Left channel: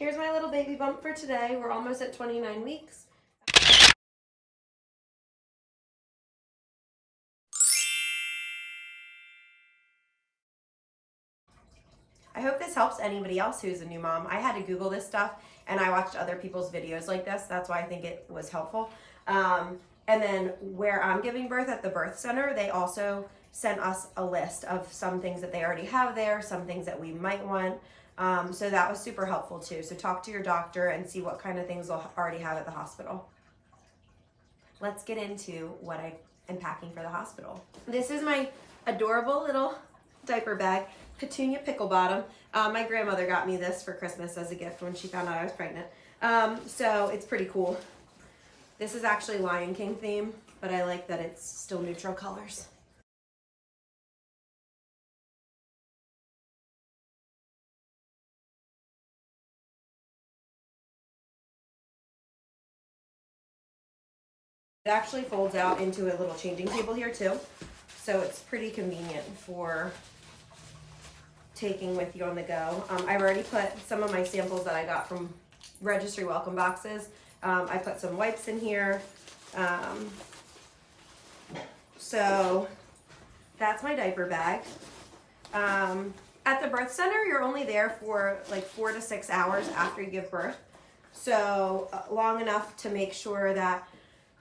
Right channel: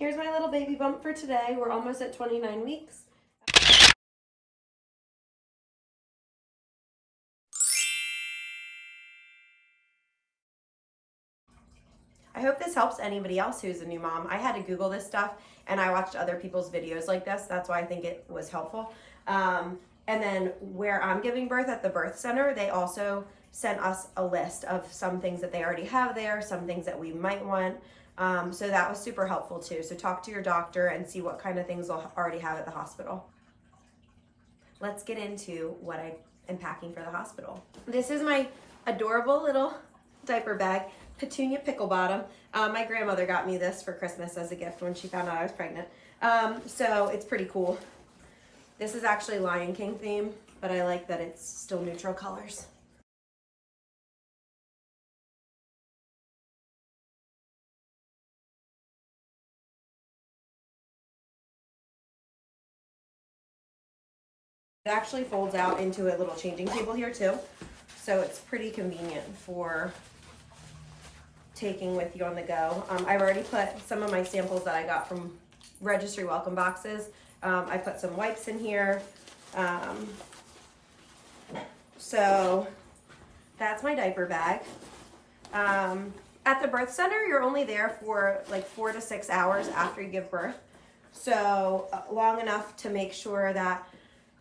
Here's my little baby bump for today. We're almost at 29 weeks. I hope this helps anybody else who's a new mom. I had to Google this stuff and I watched other people's videos like this. That's why I think it was helpful. And then where I'm giving birth at the birth center, they also sent us a list of some things that they already have there, some things that we might want. So that was super helpful too. So talk to your doctor and see what kind of things they'll already have at the hospital. Let's get into what I am packing for the hospital. This is my adorable little diaper bag, Petunia Pickle Bottom. My grandmother got me this for Christmas as a gift when she found out I was pregnant. So it's pretty cool. This is actually Lion King theme, but I like that it's still neutral colors. It actually folds out into a little changing table here too. So it's pretty convenient for taking with you on the go. I've already put some of my samples that I got from registry welcome boxes. I put some wipes in here. So that's my diaper bag. At the birth center, you're only there for like 4 to 6 hours after you give birth. So long enough to make sure that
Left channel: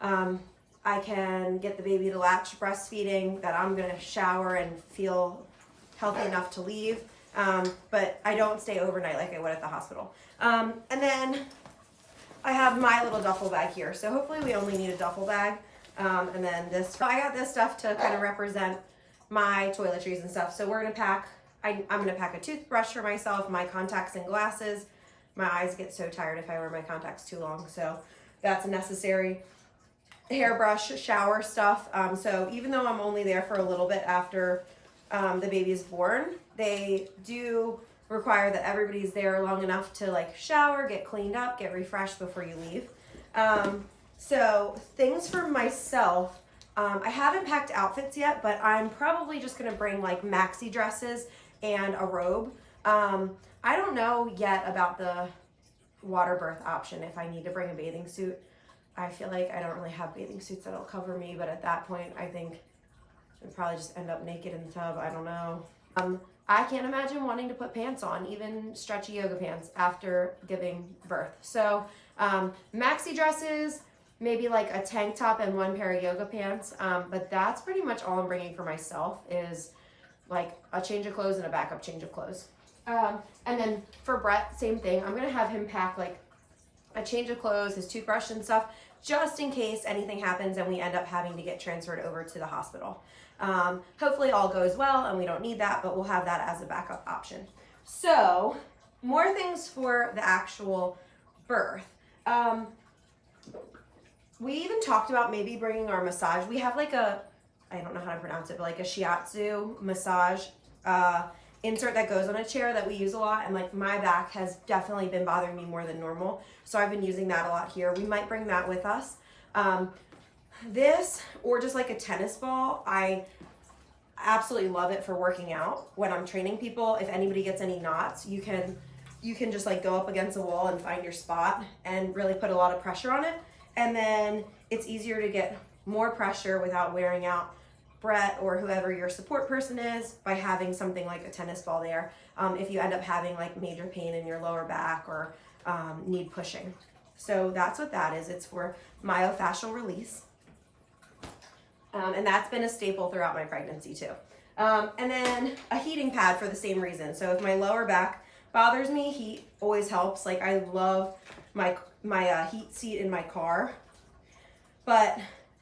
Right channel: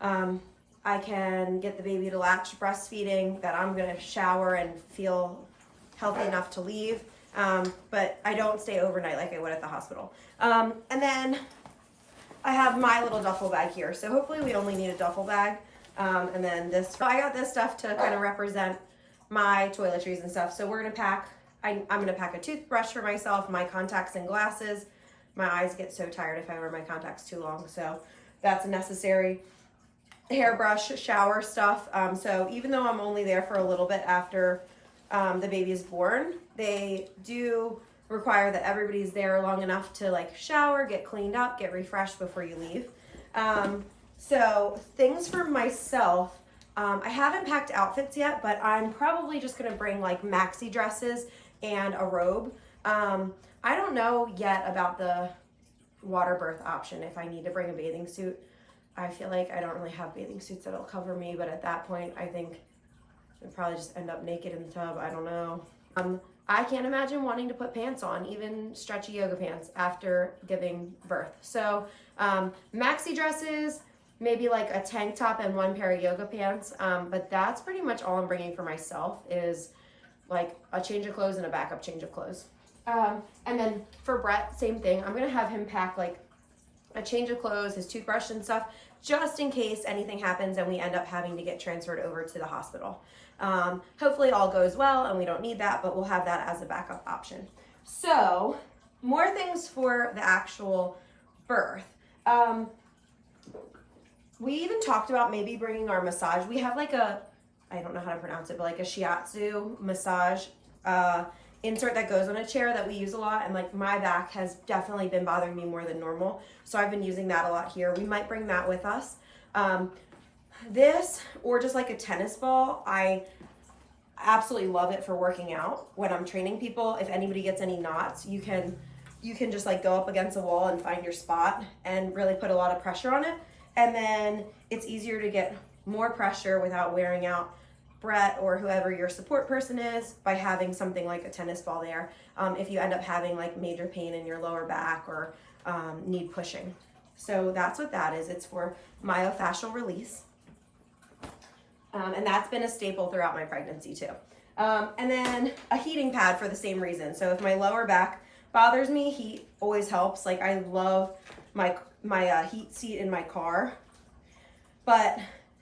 I can get the baby to latch breastfeeding, that I'm gonna shower and feel healthy enough to leave. But I don't stay overnight like I would at the hospital. And then I have my little duffel bag here. So hopefully we only need a duffel bag. And then this, I got this stuff to kind of represent my toiletries and stuff. So we're gonna pack, I'm gonna pack a toothbrush for myself, my contacts and glasses. My eyes get so tired if I wear my contacts too long. So that's necessary. Hairbrush, shower stuff. So even though I'm only there for a little bit after the baby is born, they do require that everybody's there long enough to like shower, get cleaned up, get refreshed before you leave. So things for myself, I haven't packed outfits yet, but I'm probably just gonna bring like maxi dresses and a robe. I don't know yet about the water birth option, if I need to bring a bathing suit. I feel like I don't really have bathing suits that'll cover me, but at that point, I think I'd probably just end up naked in the tub. I don't know. I can't imagine wanting to put pants on, even stretchy yoga pants after giving birth. So maxi dresses, maybe like a tank top and 1 pair of yoga pants. But that's pretty much all I'm bringing for myself, is like a change of clothes and a backup change of clothes. And then for Brett, same thing. I'm gonna have him pack like a change of clothes, his toothbrush and stuff, just in case anything happens and we end up having to get transferred over to the hospital. Hopefully all goes well and we don't need that, but we'll have that as a backup option. So more things for the actual birth. We even talked about maybe bringing our massage. We have like a, I don't know how to pronounce it, but like a shiatsu massage insert that goes on a chair that we use a lot, and like my back has definitely been bothering me more than normal, so I've been using that a lot here. We might bring that with us. This, or just like a tennis ball, I absolutely love it for working out when I'm training people. If anybody gets any knots, you can just like go up against a wall and find your spot and really put a lot of pressure on it, and then it's easier to get more pressure without wearing out Brett or whoever your support person is by having something like a tennis ball there, if you end up having like major pain in your lower back or need pushing. So that's what that is. It's for myofascial release. And that's been a staple throughout my pregnancy too. And then a heating pad for the same reason. So if my lower back bothers me, heat always helps. Like I love my heat seat in my car. But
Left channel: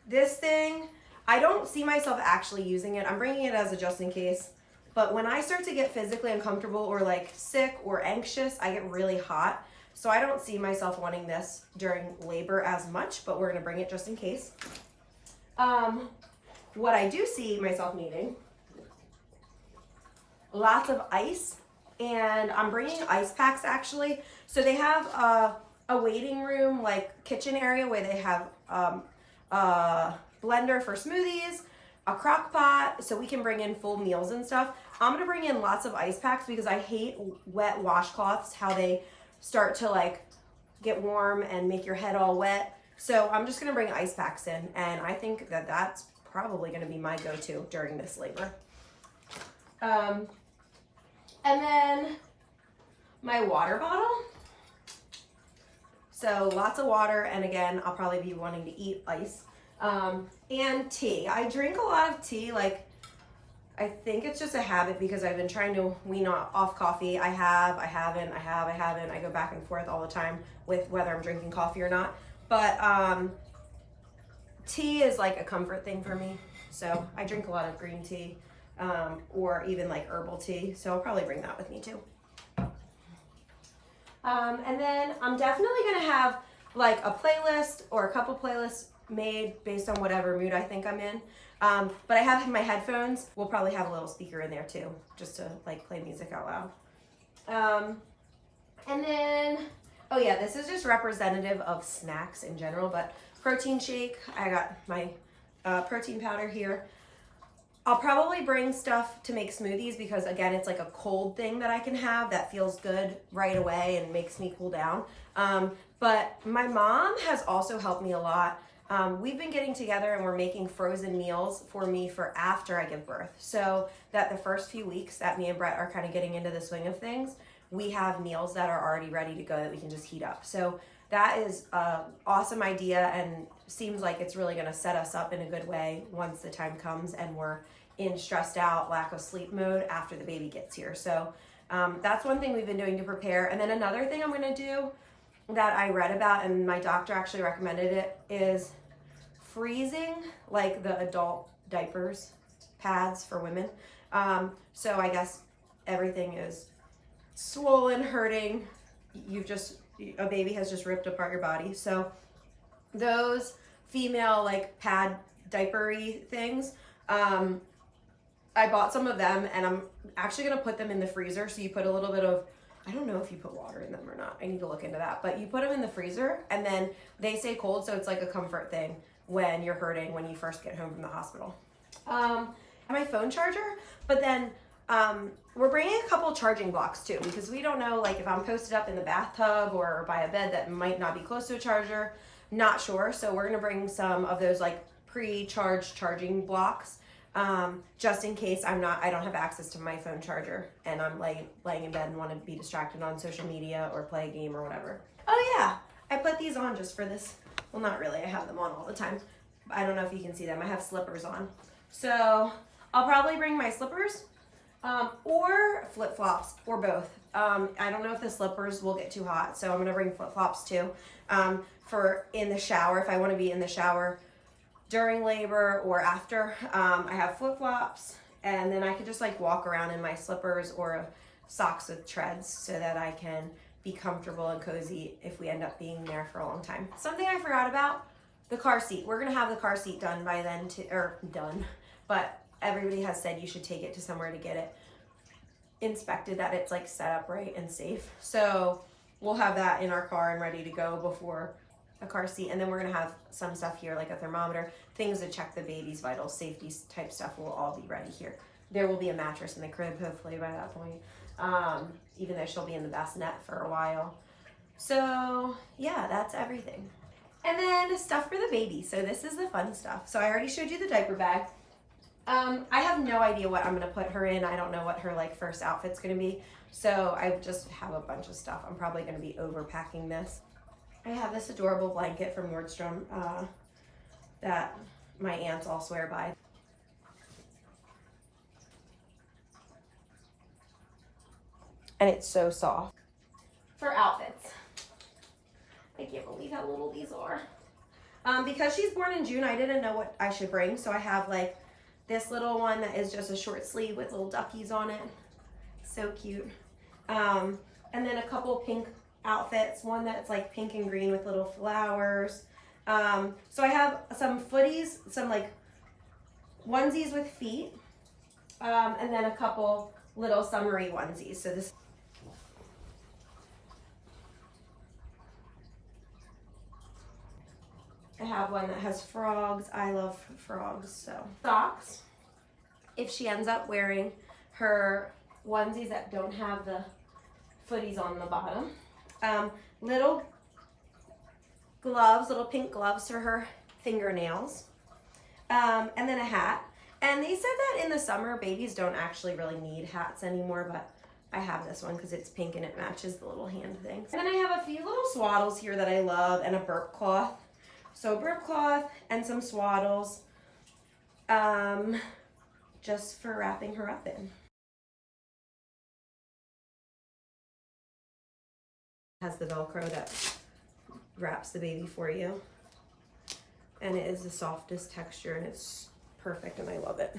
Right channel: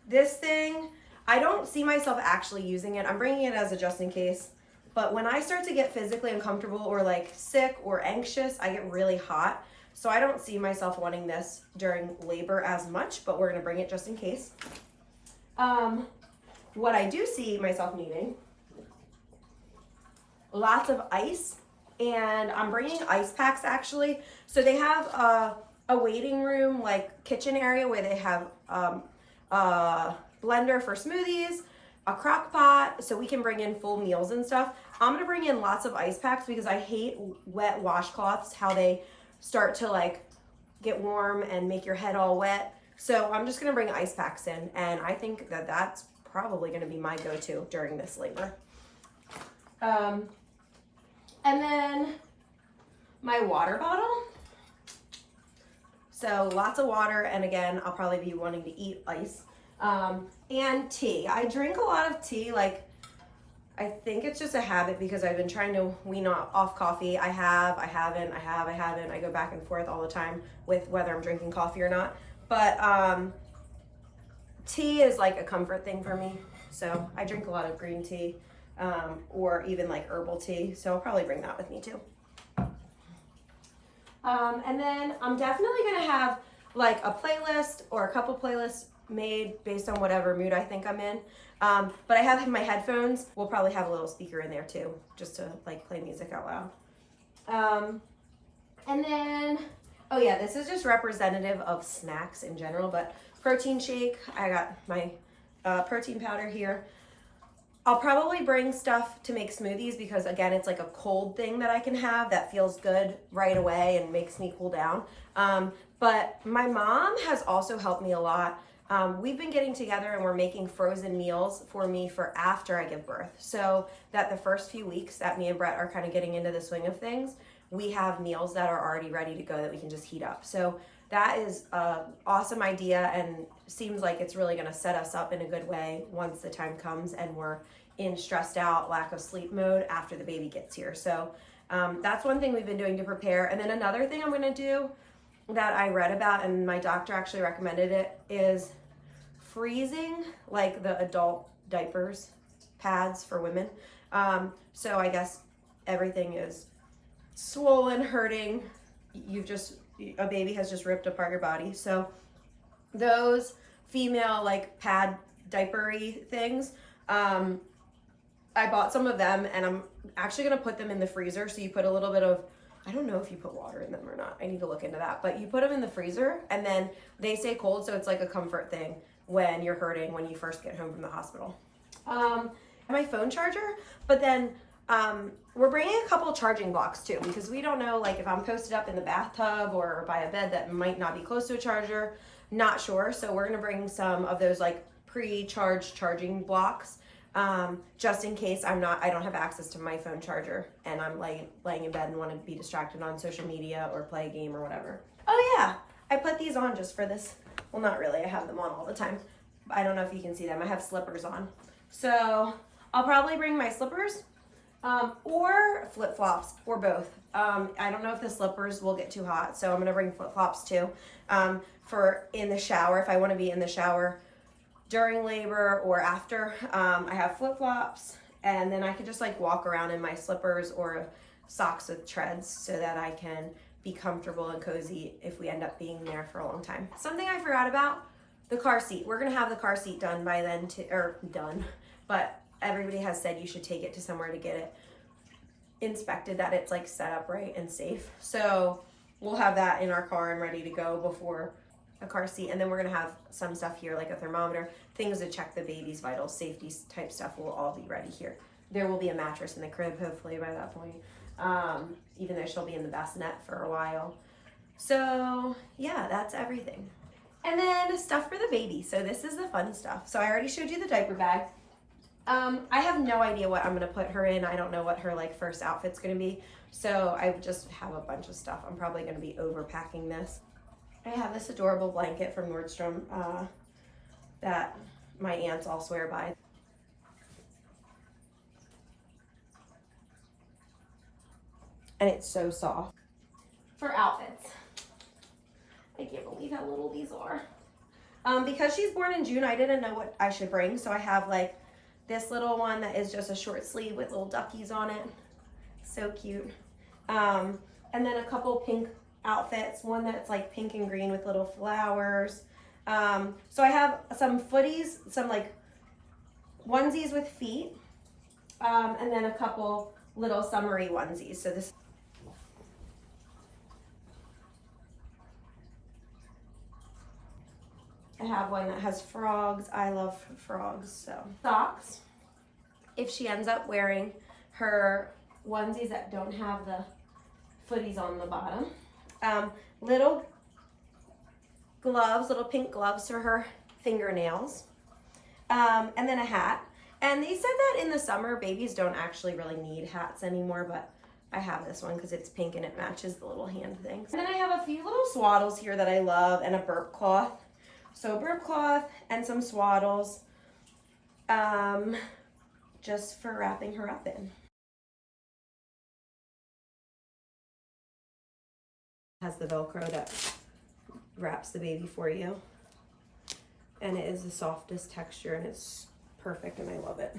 this thing, I don't see myself actually using it. I'm bringing it as a just in case. But when I start to get physically uncomfortable or like sick or anxious, I get really hot. So I don't see myself wanting this during labor as much, but we're gonna bring it just in case. What I do see myself needing, lots of ice, and I'm bringing ice packs actually. So they have a waiting room, like kitchen area where they have blender for smoothies, a crock pot, so we can bring in full meals and stuff. I'm gonna bring in lots of ice packs because I hate wet washcloths, how they start to like get warm and make your head all wet. So I'm just gonna bring ice packs in, and I think that that's probably gonna be my go-to during this labor. And then my water bottle. So lots of water, and again, I'll probably be wanting to eat ice. And tea. I drink a lot of tea, like I think it's just a habit because I've been trying to wean off coffee. I haven't. I go back and forth all the time with whether I'm drinking coffee or not. But tea is like a comfort thing for me. So I drink a lot of green tea or even like herbal tea. So I'll probably bring that with me too. And then I'm definitely gonna have like a playlist or a couple playlists made based on whatever mood I think I'm in. But I have my headphones. We'll probably have a little speaker in there too, just to like play music out loud. And then, oh yeah, this is just representative of snacks in general, but protein shake. I got my protein powder here. I'll probably bring stuff to make smoothies because again, it's like a cold thing that I can have that feels good right away and makes me cool down. But my mom has also helped me a lot. We've been getting together and we're making frozen meals for me for after I give birth. So that the first few weeks that me and Brett are kind of getting into the swing of things, we have meals that are already ready to go that we can just heat up. So that is an awesome idea and seems like it's really gonna set us up in a good way once the time comes and we're in stressed out, lack of sleep mode after the baby gets here. So that's one thing we've been doing to prepare. And then another thing I'm gonna do that I read about and my doctor actually recommended it is freezing like the adult diapers pads for women. So I guess everything is swollen, hurting. A baby has just ripped apart your body. So those female like pad diapery things, I bought some of them and I'm actually gonna put them in the freezer. So you put a little bit of, I don't know if you put water in them or not. I need to look into that, but you put them in the freezer and then they stay cold. So it's like a comfort thing when you're hurting, when you first get home from the hospital. My phone charger, but then we're bringing a couple charging blocks too, because we don't know like if I'm posted up in the bathtub or by a bed that might not be close to a charger, not sure. So we're gonna bring some of those like pre-charged charging blocks just in case I don't have access to my phone charger and I'm laying in bed and want to be distracted on social media or play a game or whatever. Oh yeah, I put these on just for this. Well, not really, I have them on all the time. I don't know if you can see them. I have slippers on. So I'll probably bring my slippers or flip-flops or both. I don't know if the slippers will get too hot, so I'm gonna bring flip-flops too for in the shower if I want to be in the shower during labor or after. I have flip-flops and then I can just like walk around in my slippers or socks with treads so that I can be comfortable and cozy if we end up being there for a long time. Something I forgot about, the car seat. We're gonna have the car seat done by then, but everybody has said you should take it to somewhere to get it inspected, that it's like set up right and safe. So we'll have that in our car and ready to go before a car seat. And then we're gonna have some stuff here like a thermometer, things to check the baby's vitals, safety type stuff will all be ready here. There will be a mattress in the crib hopefully by that point, even though she'll be in the bassinet for a while. So yeah, that's everything. And then stuff for the baby. So this is the fun stuff. So I already showed you the diaper bag. I have no idea what I'm gonna put her in. I don't know what her like first outfit's gonna be. So I just have a bunch of stuff. I'm probably gonna be overpacking this. I have this adorable blanket from Nordstrom that my aunts all swear by. And it's so soft. For outfits, I can't believe how little these are. Because she's born in June, I didn't know what I should bring. So I have like this little one that is just a short sleeve with little duckies on it. So cute. And then a couple pink outfits, one that's like pink and green with little flowers. So I have some footies, some like onesies with feet, and then a couple little summery onesies. So this, I have one that has frogs. I love frogs. So socks, if she ends up wearing her onesies that don't have the footies on the bottom. Little gloves, little pink gloves for her fingernails, and then a hat. And they said that in the summer, babies don't actually really need hats anymore, but I have this one because it's pink and it matches the little hand things. And then I have a few little swaddles here that I love and a burp cloth. So burp cloth and some swaddles, just for wrapping her up in. Has the Velcro that wraps the baby for you. And it is the softest texture and it's perfect and I love it.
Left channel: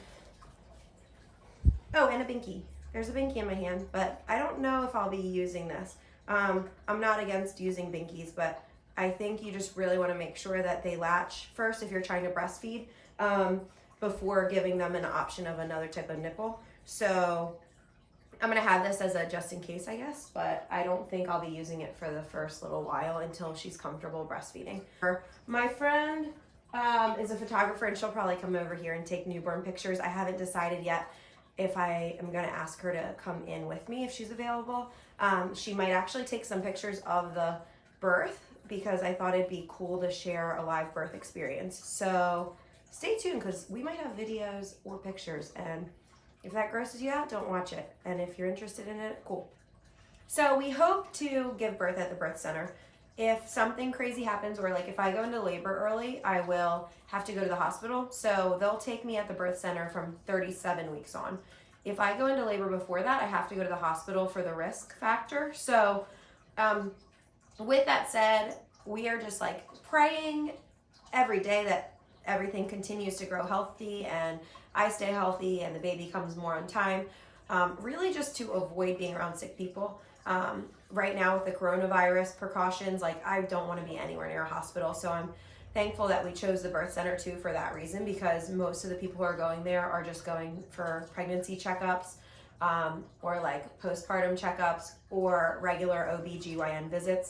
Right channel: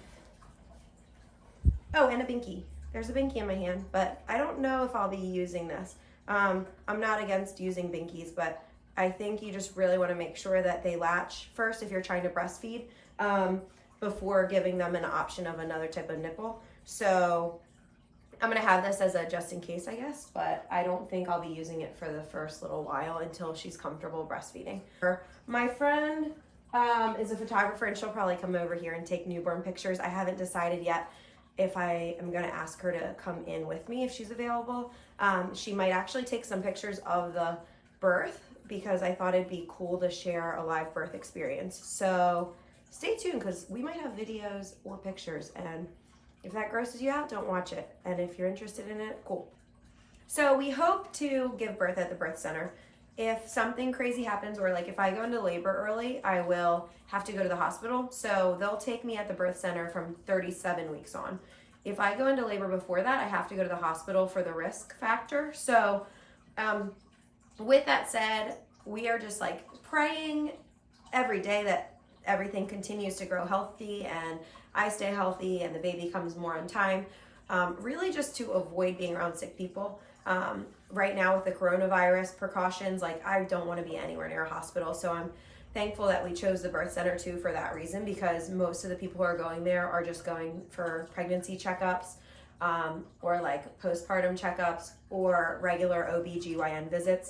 Oh, and a binky. There's a binky in my hand, but I don't know if I'll be using this. I'm not against using binkies, but I think you just really want to make sure that they latch first if you're trying to breastfeed, before giving them an option of another type of nipple. So I'm gonna have this as a just in case, I guess, but I don't think I'll be using it for the first little while until she's comfortable breastfeeding. My friend is a photographer and she'll probably come over here and take newborn pictures. I haven't decided yet if I am gonna ask her to come in with me if she's available. She might actually take some pictures of the birth because I thought it'd be cool to share a live birth experience. So stay tuned because we might have videos or pictures, and if that grosses you out, don't watch it. And if you're interested in it, cool. So we hope to give birth at the birth center. If something crazy happens, or like if I go into labor early, I will have to go to the hospital. So they'll take me at the birth center from 37 weeks on. If I go into labor before that, I have to go to the hospital for the risk factor. So with that said, we are just like praying every day that everything continues to grow healthy and I stay healthy and the baby comes more on time. Really just to avoid being around sick people. Right now with the coronavirus precautions, like I don't want to be anywhere near a hospital. So I'm thankful that we chose the birth center too for that reason, because most of the people who are going there are just going for pregnancy checkups, or like postpartum checkups or regular OB/GYN visits.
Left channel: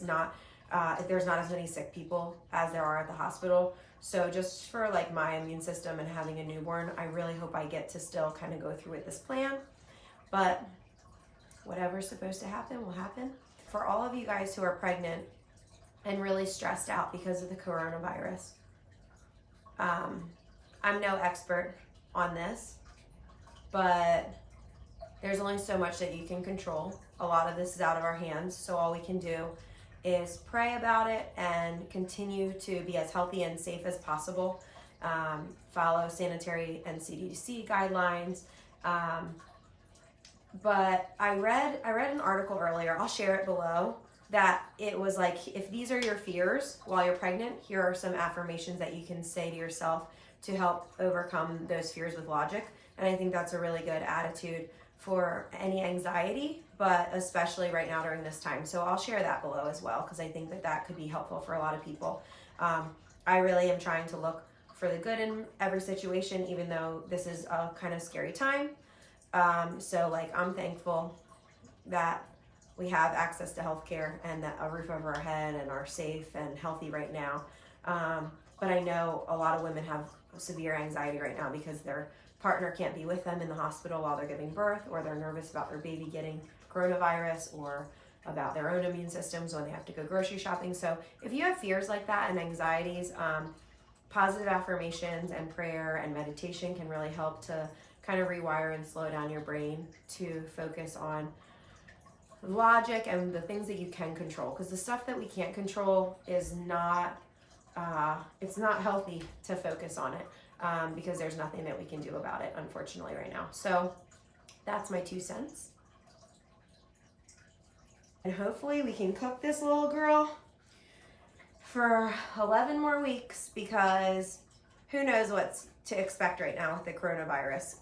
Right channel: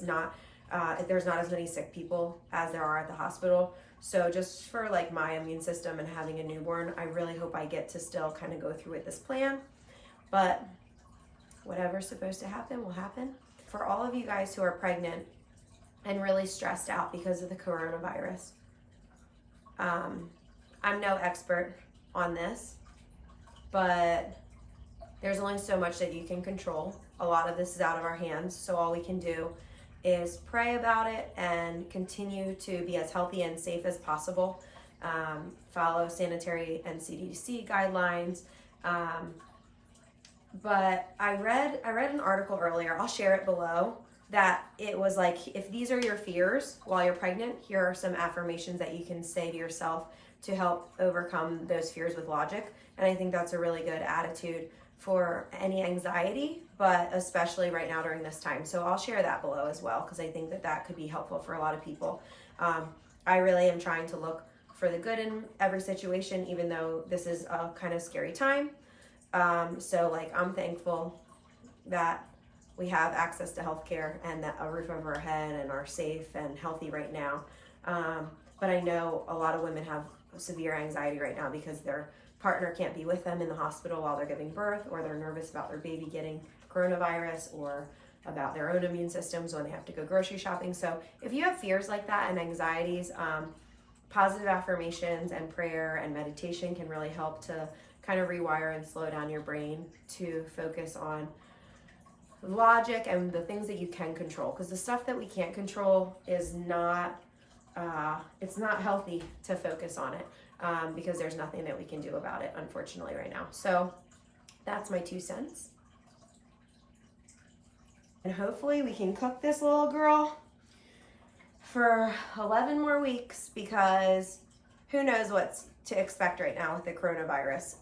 There's not as many sick people as there are at the hospital. So just for like my immune system and having a newborn, I really hope I get to still kind of go through with this plan. But whatever's supposed to happen will happen. For all of you guys who are pregnant and really stressed out because of the coronavirus, I'm no expert on this, but there's only so much that you can control. A lot of this is out of our hands, so all we can do is pray about it and continue to be as healthy and safe as possible. Follow sanitary and CDC guidelines. But I read an article earlier, I'll share it below, that it was like, if these are your fears while you're pregnant, here are some affirmations that you can say to yourself to help overcome those fears with logic. And I think that's a really good attitude for any anxiety, but especially right now during this time. So I'll share that below as well, because I think that that could be helpful for a lot of people. I really am trying to look for the good in every situation, even though this is a kind of scary time. So like, I'm thankful that we have access to healthcare and that a roof over our head and are safe and healthy right now. But I know a lot of women have severe anxiety right now because their partner can't be with them in the hospital while they're giving birth, or they're nervous about their baby getting coronavirus, or about their own immune systems when they have to go grocery shopping. So if you have fears like that and anxieties, positive affirmations and prayer and meditation can really help to kind of rewire and slow down your brain to focus on logic and the things that you can control, because the stuff that we can't control is not it's not healthy to focus on it, because there's nothing that we can do about it, unfortunately, right now. So that's my 2 cents. And hopefully we can cook this little girl for 11 more weeks, because who knows what's to expect right now with the coronavirus.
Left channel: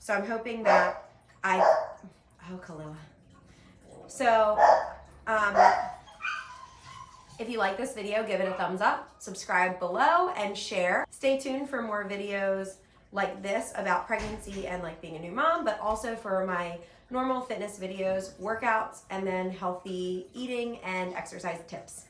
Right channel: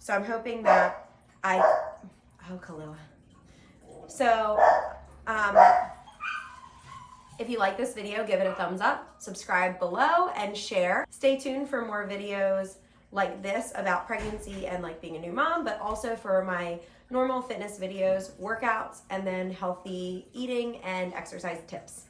So I'm hoping that oh, Kalila. So, if you like this video, give it a thumbs up, subscribe below, and share. Stay tuned for more videos like this about pregnancy and like being a new mom, but also for my normal fitness videos, workouts, and then healthy eating and exercise tips.